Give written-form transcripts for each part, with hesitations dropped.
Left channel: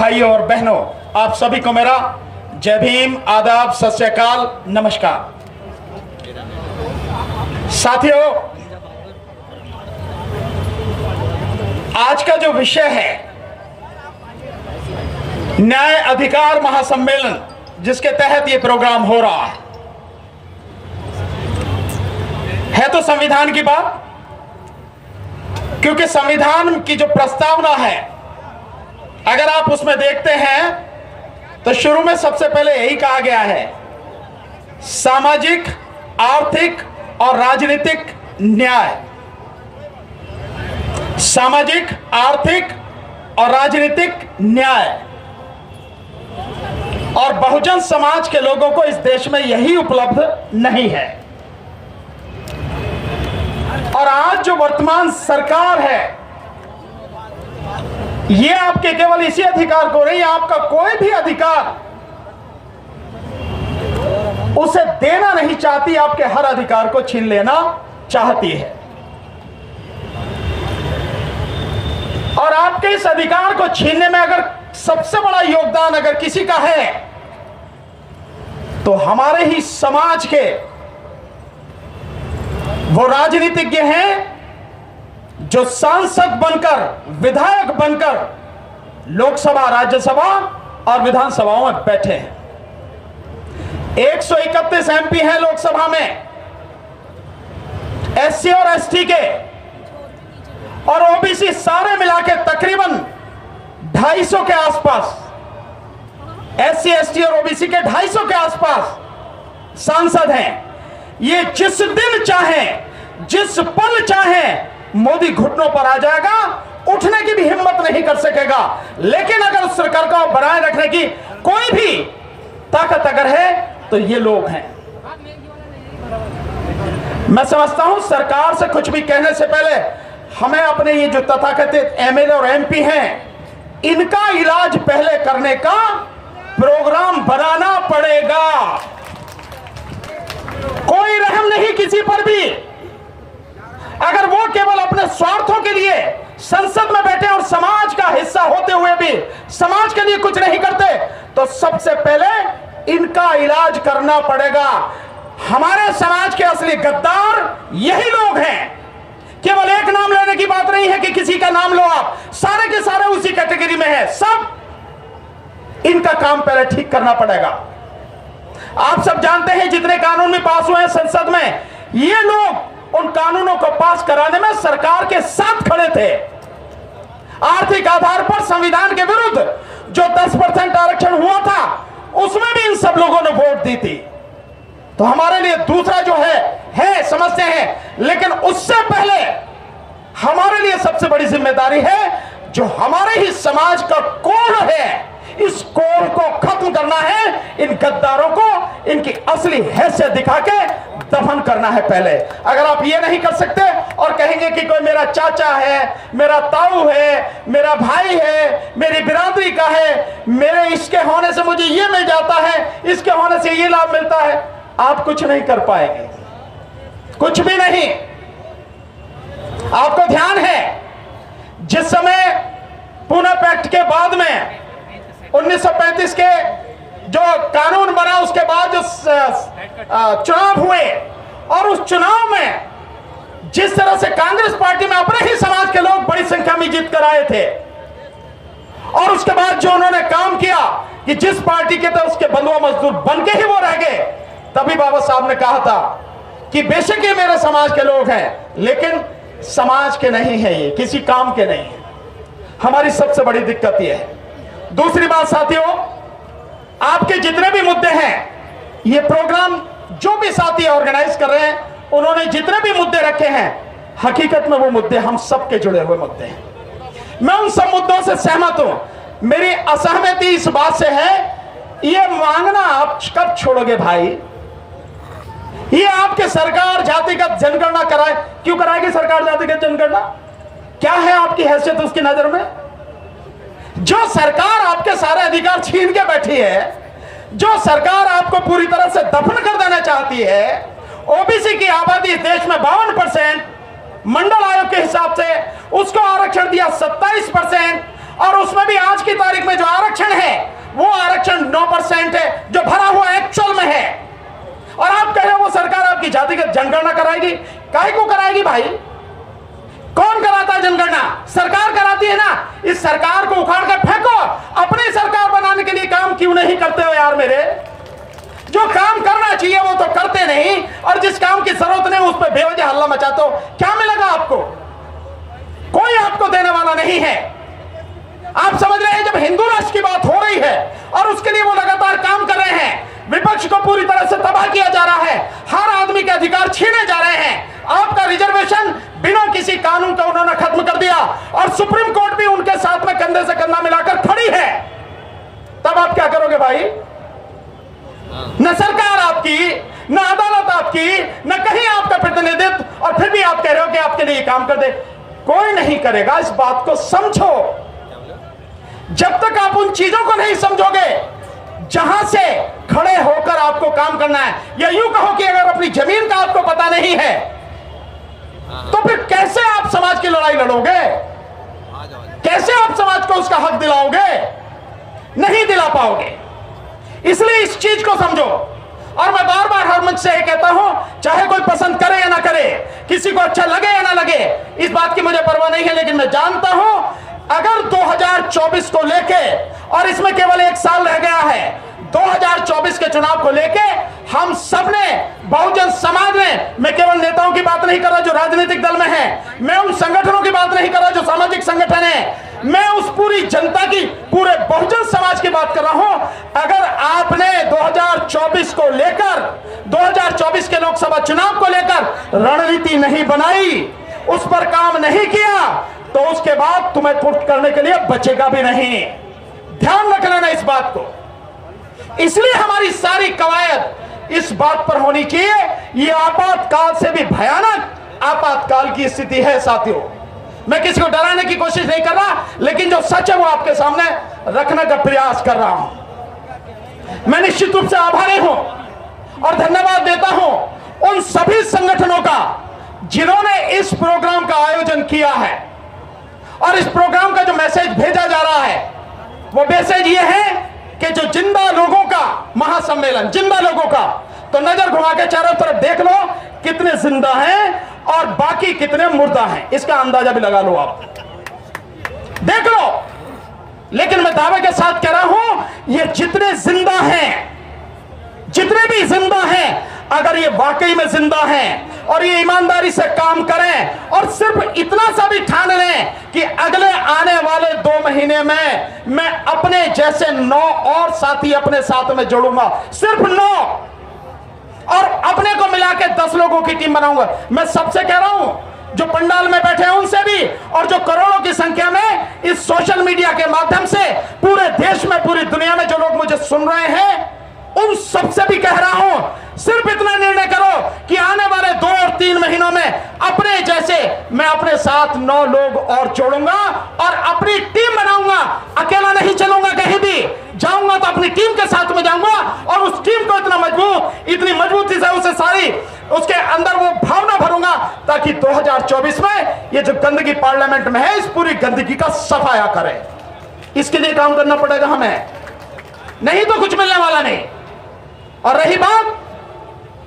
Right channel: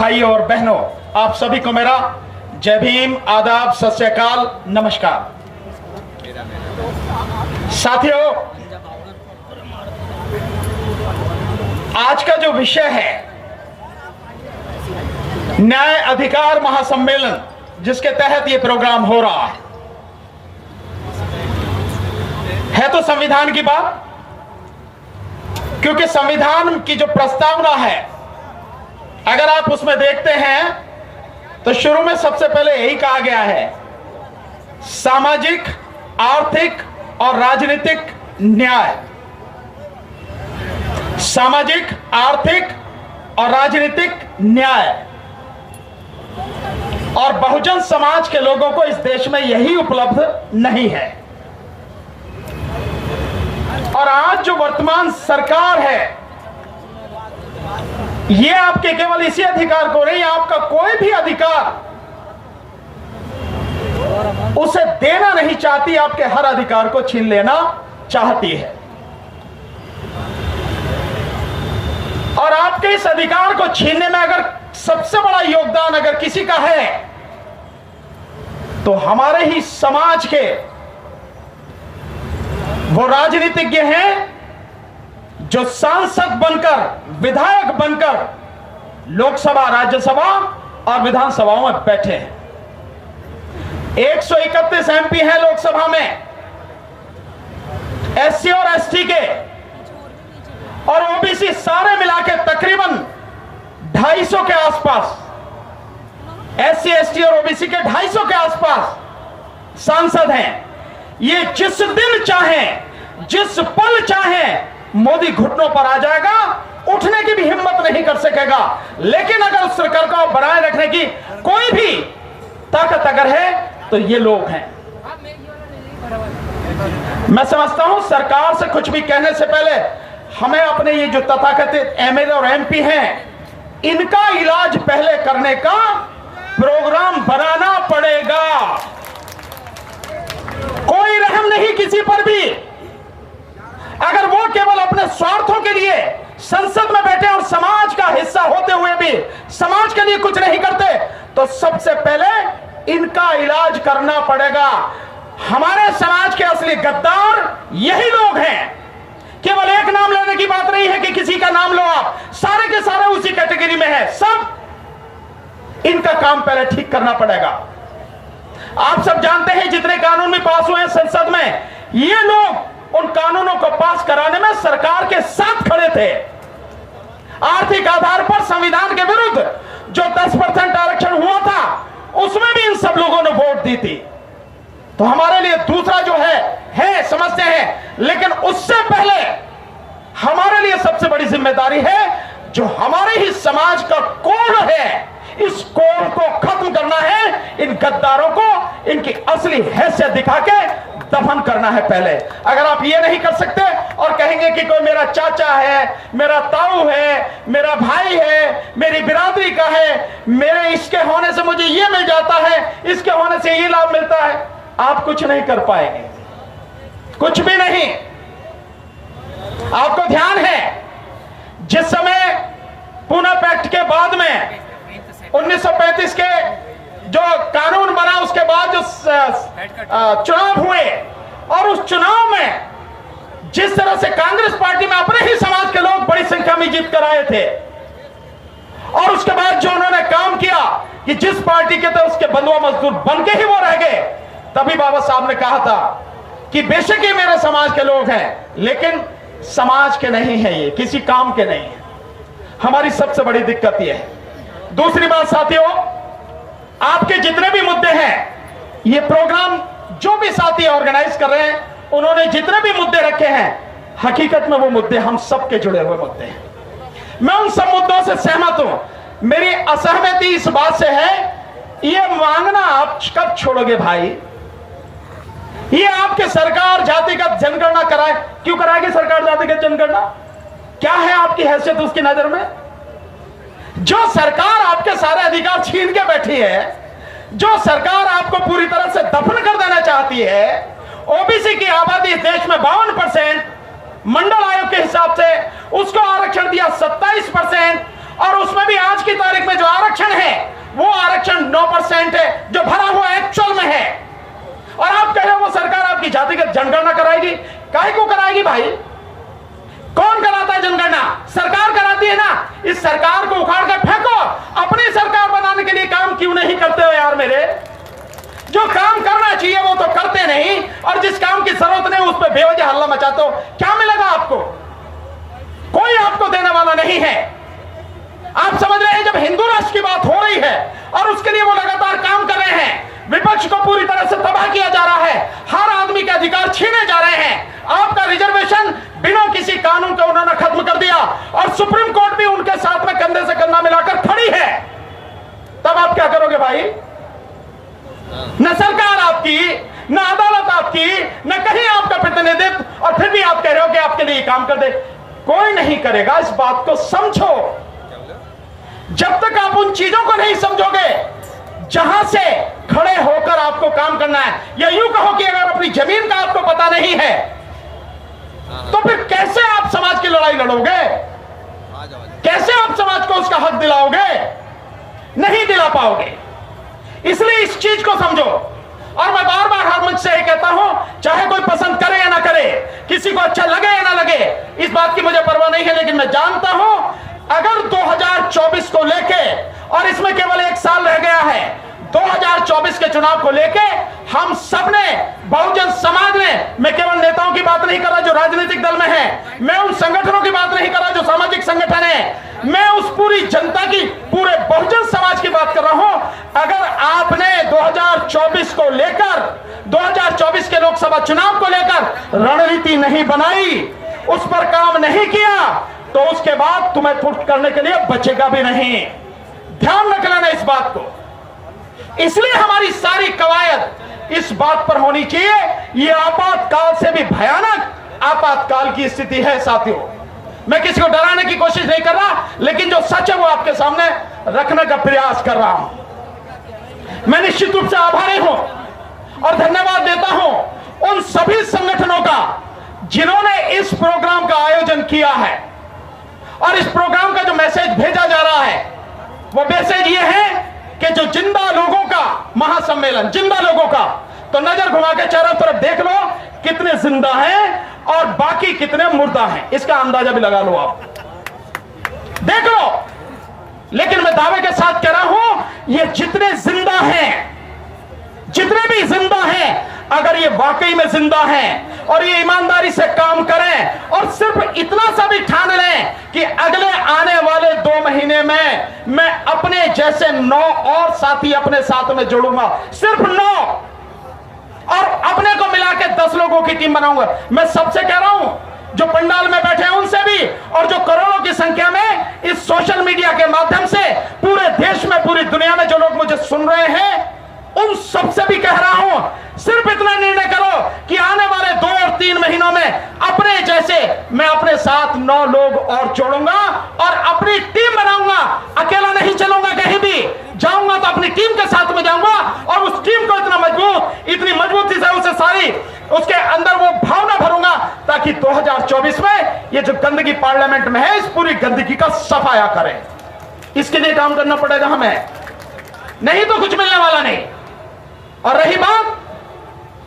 भाइयों और बहनों, आप सभी को मेरा जय भीम, आदाब, सत श्री अकाल, नमस्कार। साथियों, आज का जो विषय है न्याय अधिकार महासम्मेलन, जिसके तहत ये प्रोग्राम हो रहा है तो संविधान की बात, क्योंकि संविधान की जो प्रस्तावना है अगर आप उसमें देखते हैं तो शुरू में सबसे पहले यही कहा गया है, सामाजिक, आर्थिक और राजनीतिक न्याय। सामाजिक, आर्थिक और राजनीतिक न्याय। और बहुजन समाज के लोगों को इस देश में यही उपलब्ध नहीं है। और आज जो वर्तमान सरकार है ये आपके केवल इसी अधिकार को नहीं, आपका कोई भी अधिकार उसे देना नहीं चाहती, आपके हर अधिकार को छीन लेना चाहती है। और आपके इस अधिकार को छीनने में अगर सबसे बड़ा योगदान अगर किसी का है तो हमारे ही समाज के वो राजनीतिज्ञ हैं जो सांसद बनकर, विधायक बनकर लोकसभा, राज्यसभा और विधानसभाओं में बैठे हैं। 131 एमपी हैं लोकसभा में एससी और एसटी के, और ओबीसी सारे मिला के तकरीबन 250 के आसपास, एससी, एसटी और ओबीसी के 250 के आसपास सांसद हैं। ये जिस दिन चाहे, जिस पल चाहे मोदी घुटनों पर आ जाएगा, उठने की भी हिम्मत नहीं कर सकेगा। लेकिन अगर उस सरकार को बनाए रखने की कोई भी ताकत अगर है तो ये लोग हैं। मैं समझता हूं सरकार से कुछ भी कहने से पहले हमें अपने ये जो तथाकथित एमएलए और एमपी हैं इनका इलाज पहले करने का प्रोग्राम बनाना पड़ेगा। कोई रहम नहीं किसी पर भी। अगर वो केवल अपने स्वार्थों के लिए संसद में बैठे और समाज का हिस्सा होते हुए भी समाज के लिए कुछ नहीं करते तो सबसे पहले इनका इलाज करना पड़ेगा। हमारे समाज के असली गद्दार यही लोग हैं। केवल एक नाम लेने की बात नहीं है कि किसी का नाम लो, आप सारे के सारे उसी कैटेगरी में है। सब इनका काम पहले ठीक करना पड़ेगा। आप सब जानते हैं जितने कानून भी पास हुए हैं संसद में, ये लोग उन कानूनों को पास कराने में सरकार के साथ खड़े थे। आर्थिक आधार पर संविधान के विरुद्ध जो 10% आरक्षण हुआ था उसमें भी इन सब लोगों ने वोट दी थी। तो हमारे लिए दूसरा जो है समझते हैं, लेकिन उससे पहले हमारे लिए सबसे बड़ी जिम्मेदारी है जो हमारे ही समाज का कोड है, इस कोड को खत्म करना है। इन गद्दारों को इनकी असली हैसियत दिखा के दफन करना है पहले। अगर आप ये नहीं कर सकते और कहेंगे कि कोई मेरा चाचा है, मेरा ताऊ है, मेरा भाई है, मेरी बिरादरी का है, मेरे इसके होने से मुझे ये मिल जाता है, इसके होने से ये लाभ मिलता है, आप कुछ नहीं कर पाएंगे, कुछ भी नहीं। आपको ध्यान है जिस समय पुणे पैक्ट के बाद में 1935 के जो कानून बना उसके बाद जो चुनाव हुए और उस चुनाव में जिस तरह से कांग्रेस पार्टी में अपने ही समाज के लोग बड़ी संख्या में जीत कर आए थे, और उसके बाद जो उन्होंने काम किया कि जिस पार्टी के थे उसके बंधुआ मजदूर बन के ही वो रह गए, तभी बाबा साहब ने कहा था कि बेशक ये मेरे समाज के लोग हैं लेकिन समाज के नहीं है, ये किसी काम के नहीं है। हमारी सबसे बड़ी दिक्कत ये है। दूसरी बात साथियों, आपके जितने भी मुद्दे हैं, ये प्रोग्राम जो भी साथी ऑर्गेनाइज कर रहे हैं उन्होंने जितने भी मुद्दे रखे हैं, हकीकत में वो मुद्दे हम सबके जुड़े हुए मुद्दे हैं। मैं उन सब मुद्दों से सहमत हूं। मेरी असहमति इस बात से है, ये मांगना आप कब छोड़ोगे भाई? ये आपके सरकार जातिगत जनगणना कराए, क्यों कराएगी सरकार जातिगत जनगणना? क्या है आपकी हैसियत उसकी नजर में? जो सरकार आपके सारे अधिकार छीन के बैठी है, जो सरकार आपको पूरी तरह से दफन कर देना चाहती है, ओबीसी की आबादी इस देश में 52%, मंडल आयोग के हिसाब से उसको आरक्षण दिया 27%, और उसमें भी आज की तारीख में जो आरक्षण है वो आरक्षण 9% है जो भरा हुआ एक्चुअल में है। और आप कह रहे हो वो सरकार आपकी जातिगत जनगणना कराएगी। काहे को कराएगी भाई? कौन कराता है जनगणना? सरकार कराती है ना। इस सरकार को उखाड़ कर फेंको। अपनी सरकार बनाने के लिए काम क्यों नहीं करते हो यार मेरे? जो काम करना चाहिए वो तो करते नहीं, और जिस काम की जरूरत नहीं उस पर बेवजह हल्ला मचाते हो। क्या मिलेगा आपको? कोई आपको देने वाला नहीं है। आप समझ रहे हैं जब हिंदू राष्ट्र की बात हो रही है और उसके लिए वो लगातार काम कर रहे हैं, विपक्ष को पूरी तरह से तबाह किया जा रहा है, हर आदमी के अधिकार छीने जा रहे हैं, आपका रिजर्वेशन बिना किसी कानून का उन्होंने खत्म कर दिया और सुप्रीम कोर्ट भी उनके साथ में कंधे से कंधा मिलाकर खड़ी है, तब आप क्या करोगे भाई? न सरकार आपकी, न अदालत आपकी, न कहीं आपका प्रतिनिधित्व, और फिर भी आप कह रहे हो कि आपके लिए काम कर दे। कोई नहीं करेगा। इस बात को समझो। जब तक आप उन चीजों को नहीं समझोगे जहां से खड़े होकर आपको काम करना है, या यूं कहो कि अगर अपनी जमीन का आपको पता नहीं है तो फिर कैसे आप समाज की लड़ाई लड़ोगे? कैसे आप समाज को उसका हक दिलाओगे? नहीं दिला पाओगे। इसलिए इस चीज को समझो। और मैं बार बार हर मंच से ये कहता हूं, चाहे कोई पसंद करे या ना करे, किसी को अच्छा लगे या ना लगे, इस बात की मुझे परवाह नहीं है, लेकिन मैं जानता हूं अगर 2024 को लेके, और इसमें केवल 1 साल रह गया है, 2024 के चुनाव को लेके हम सबने, बहुजन समाज ने, मैं केवल नेताओं की बात नहीं कर रहा जो राजनीतिक दल में है, मैं उन संगठनों की बात नहीं कर रहा जो सामाजिक संगठन है, मैं उस पूरी जनता की, पूरे बहुजन समाज की बात कर रहा हूं। अगर आपने 2024 को लेकर, 2024 के लोकसभा चुनाव को लेकर रणनीति नहीं बनाई, उस पर काम नहीं किया, तो उसके बाद तुम्हें फुट करने के लिए बचेगा भी नहीं। ध्यान रख लेना इस बात को। इसलिए हमारी सारी कवायद इस बात पर होनी चाहिए, यह आपातकाल से भी भयानक आपातकाल की स्थिति है साथियों। मैं किसी को डराने की कोशिश नहीं कर रहा, लेकिन जो सच है वो आपके सामने रखने का प्रयास कर रहा हूं। मैं निश्चित रूप से आभारी हूं और धन्यवाद देता हूं उन सभी संगठनों का जिन्होंने इस प्रोग्राम का आयोजन किया है। और इस प्रोग्राम का जो मैसेज भेजा जा रहा है वो मैसेज ये है कि जो जिंदा लोगों का महासम्मेलन, जिंदा लोगों का, तो नजर घुमा के चारों तरफ देख लो कितने जिंदा हैं और बाकी कितने मुर्दा हैं, इसका अंदाजा भी लगा लो, आप देख लो। लेकिन मैं दावे के साथ कह रहा हूं, ये जितने जिंदा हैं, जितने भी जिंदा हैं, अगर ये वाकई में जिंदा हैं और ये ईमानदारी से काम करें और सिर्फ इतना सा भी ठान लें कि अगले आने वाले 2 महीने में मैं अपने जैसे 9 और साथी अपने साथ में जोड़ूंगा, सिर्फ 9, और अपने को मिला के 10 लोगों की टीम बनाऊंगा। मैं सबसे कह रहा हूं, जो पंडाल में बैठे हैं उनसे भी, और जो करोड़ों की संख्या में इस सोशल मीडिया के माध्यम से पूरे देश में, पूरी दुनिया में जो लोग मुझे सुन रहे हैं, उन सबसे भी कह रहा हूं, सिर्फ इतना निर्णय करो कि आने वाले 2 और 3 महीनों में अपने जैसे मैं अपने साथ 9 लोग और जोड़ूंगा और अपनी टीम बनाऊंगा। अकेला नहीं चलूंगा, कहीं भी जाऊंगा तो अपनी टीम के साथ में जाऊंगा, और उस टीम को इतना मजबूत, इतनी मजबूती से उसे सारी उसके अंदर वो भावना भरूंगा ताकि 2024 में ये जो गंदगी पार्लियामेंट में है, इस पूरी गंदगी का सफाया करें। इसके लिए काम करना पड़ेगा हमें, नहीं तो कुछ मिलने वाला नहीं। और रही बात,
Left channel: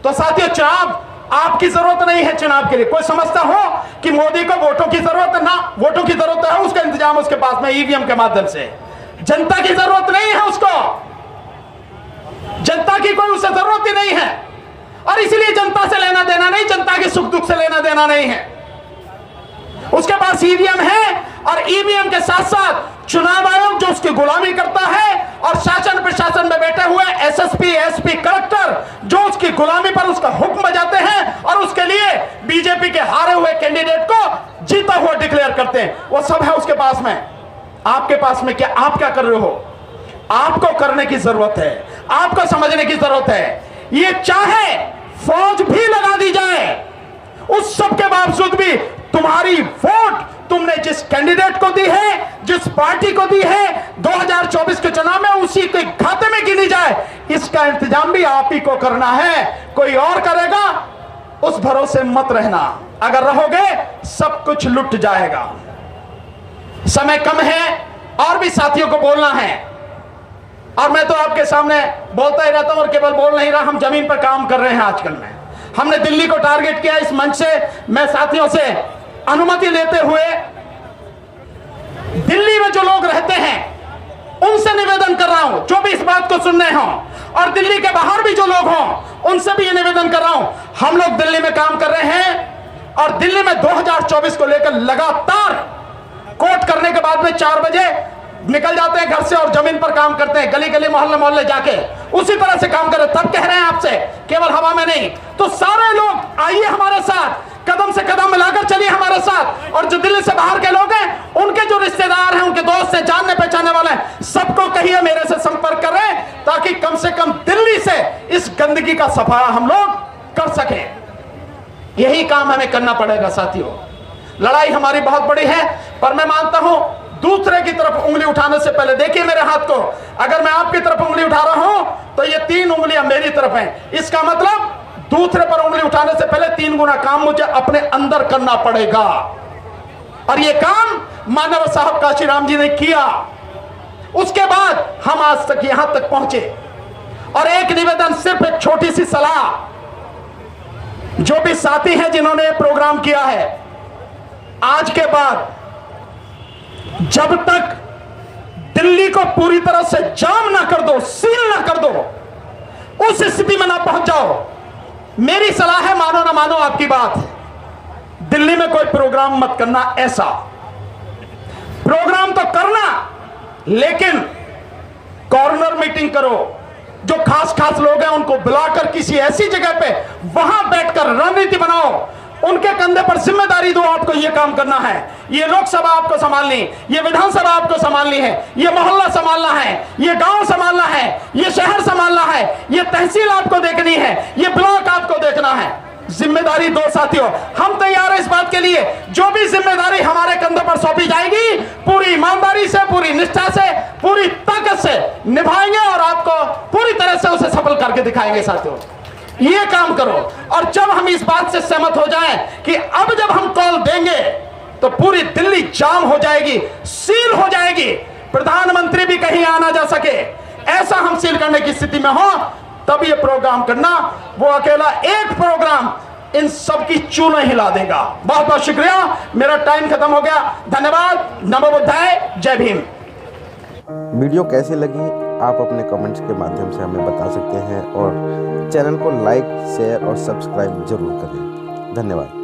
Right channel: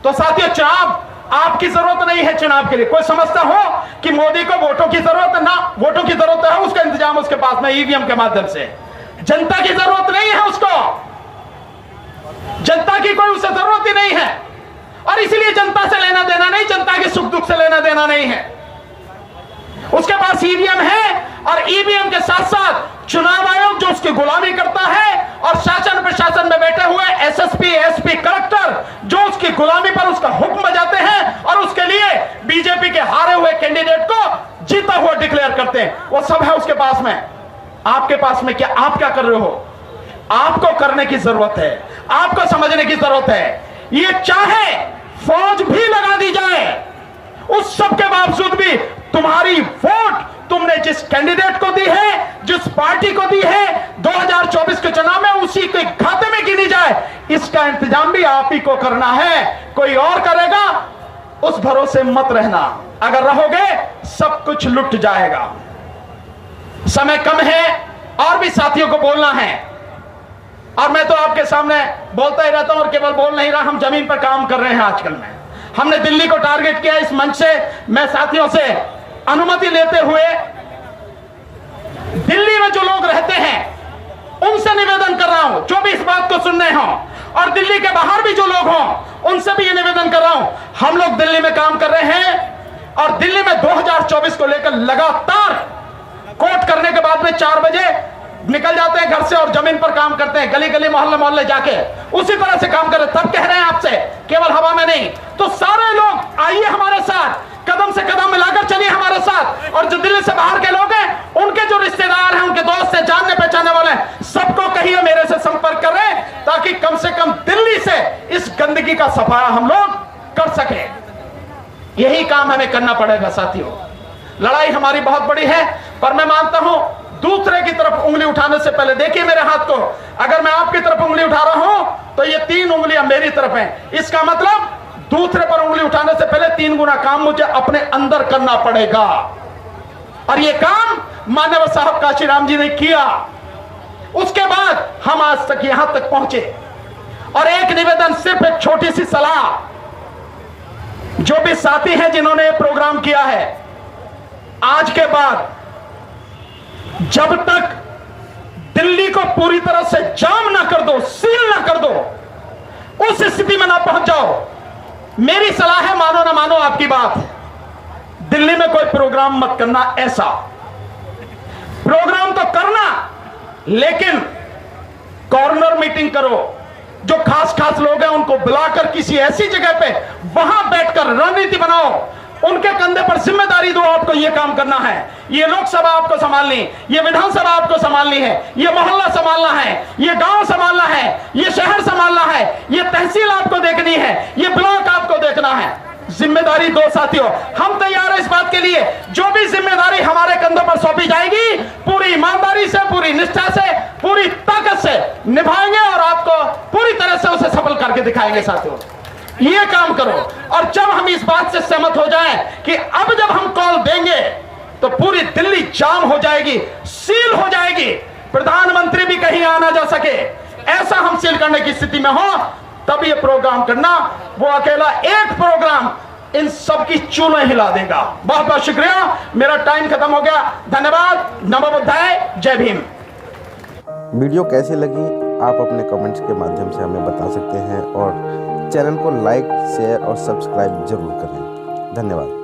तो साथियों, चुनाव आपकी जरूरत नहीं है। चुनाव के लिए कोई समझता हो कि मोदी को वोटों की जरूरत है, ना, वोटों की जरूरत है, उसका इंतजाम उसके पास में ईवीएम के माध्यम से। जनता की जरूरत नहीं है उसको, जनता की कोई उसे जरूरत ही नहीं है, और इसलिए जनता से लेना देना नहीं, जनता के सुख दुख से लेना देना नहीं है। उसके पास ईवीएम है, और ईवीएम के साथ साथ चुनाव आयोग जो उसकी गुलामी करता है, और शासन प्रशासन में बैठे हुए एसएसपी, एसपी, कलेक्टर जो उसकी गुलामी पर उसका हुक्म बजाते हैं, और उसके लिए बीजेपी के हारे हुए कैंडिडेट को जीता हुआ डिक्लेयर करते हैं, वो सब है उसके पास में। आपके पास में क्या, आप क्या कर रहे हो? आपको करने की जरूरत है, आपको समझने की जरूरत है। ये चाहे फौज भी लगा दी जाए, उस सब के बावजूद भी तुम्हारी वोट तुमने जिस कैंडिडेट को दी है, जिस पार्टी को दी है, 2024 के चुनाव में उसी के खाते में गिनी जाए, इसका इंतजाम भी आप ही को करना है। कोई और करेगा उस भरोसे मत रहना, अगर रहोगे सब कुछ लुट जाएगा। समय कम है, और भी साथियों को बोलना है, और मैं तो आपके सामने बोलता ही रहता हूं और केवल बोल नहीं रहा, हम जमीन पर काम कर रहे हैं। आजकल में हमने दिल्ली को टारगेट किया। इस मंच से मैं साथियों से अनुमति लेते हुए दिल्ली में जो लोग रहते हैं उनसे निवेदन कर रहा हूं, जो भी इस बात को सुन रहे हों, और दिल्ली के बाहर भी जो लोग हों उनसे भी ये निवेदन कर रहा हूं, हम लोग दिल्ली में काम कर रहे हैं और दिल्ली में 2024 को लेकर लगातार कोट करने के बाद में 4 बजे निकल जाते हैं घर से और जमीन पर काम करते हैं, गली गली मोहल्ले मोहल्ले जाके उसी तरह से काम कर रहे हैं। तब कह रहे हैं आपसे, केवल हवा में नहीं। तो सारे लोग आइए हमारे साथ, कदम से कदम मिलाकर चलिए हमारे साथ, और जो दिल्ली से बाहर के लोग हैं, उनके जो रिश्तेदार हैं, उनके दोस्त हैं, जानने पहचानने वाले हैं, सबको कहिए मेरे से संपर्क कर रहे हैं, ताकि कम से कम दिल्ली से इस गंदगी का सफाया हम लोग कर सके। यही काम हमें करना पड़ेगा साथियों। लड़ाई हमारी बहुत बड़ी है, पर मैं मानता हूं दूसरे की तरफ उंगली उठाने से पहले देखिए मेरे हाथ को, अगर मैं आपकी तरफ उंगली उठा रहा हूं तो ये 3 उंगलियां मेरी तरफ हैं। इसका मतलब दूसरे पर उंगली उठाने से पहले 3 गुना काम मुझे अपने अंदर करना पड़ेगा, और ये काम मानव साहब काशीराम जी ने किया। उसके बाद हम आज तक यहां तक पहुंचे। और एक निवेदन, सिर्फ एक छोटी सी सलाह, जो भी साथी हैं जिन्होंने प्रोग्राम किया है, आज के बाद जब तक दिल्ली को पूरी तरह से जाम ना कर दो, सील ना कर दो, उस स्थिति में ना पहुंच जाओ, मेरी सलाह है, मानो ना मानो आपकी बात, दिल्ली में कोई प्रोग्राम मत करना। ऐसा प्रोग्राम तो करना, लेकिन कॉर्नर मीटिंग करो, जो खास खास लोग हैं उनको बुलाकर किसी ऐसी जगह पे वहां बैठकर रणनीति बनाओ, उनके कंधे पर जिम्मेदारी दो, आपको यह काम करना है, ये लोकसभा आपको संभालनी, ये विधानसभा आपको संभालनी है, ये मोहल्ला संभालना है, ये गांव संभालना है, ये शहर संभालना है, ये तहसील आपको देखनी है, ये ब्लॉक आपको देखना है। जिम्मेदारी दो साथियों, हम तैयार हैं इस बात के लिए। जो भी जिम्मेदारी हमारे कंधों पर सौंपी जाएगी, पूरी ईमानदारी से, पूरी निष्ठा से, पूरी ताकत से निभाएंगे और आपको पूरी तरह से उसे सफल करके दिखाएंगे साथियों। ये काम करो, और जब हम इस बात से सहमत हो जाएं कि अब जब हम कॉल देंगे तो पूरी दिल्ली जाम हो जाएगी, सील हो जाएगी, प्रधानमंत्री भी कहीं आ ना जा सके, ऐसा हम सील करने की स्थिति में हो, तब ये प्रोग्राम करना। वो अकेला एक प्रोग्राम इन सब की चूलें हिला देगा। बहुत बहुत शुक्रिया, मेरा टाइम खत्म हो गया। धन्यवाद, नमो बुद्धाय, जय भीम। वीडियो कैसी लगी आप अपने कमेंट्स के माध्यम से हमें बता सकते हैं, और चैनल को लाइक, शेयर और सब्सक्राइब जरूर करें। धन्यवाद।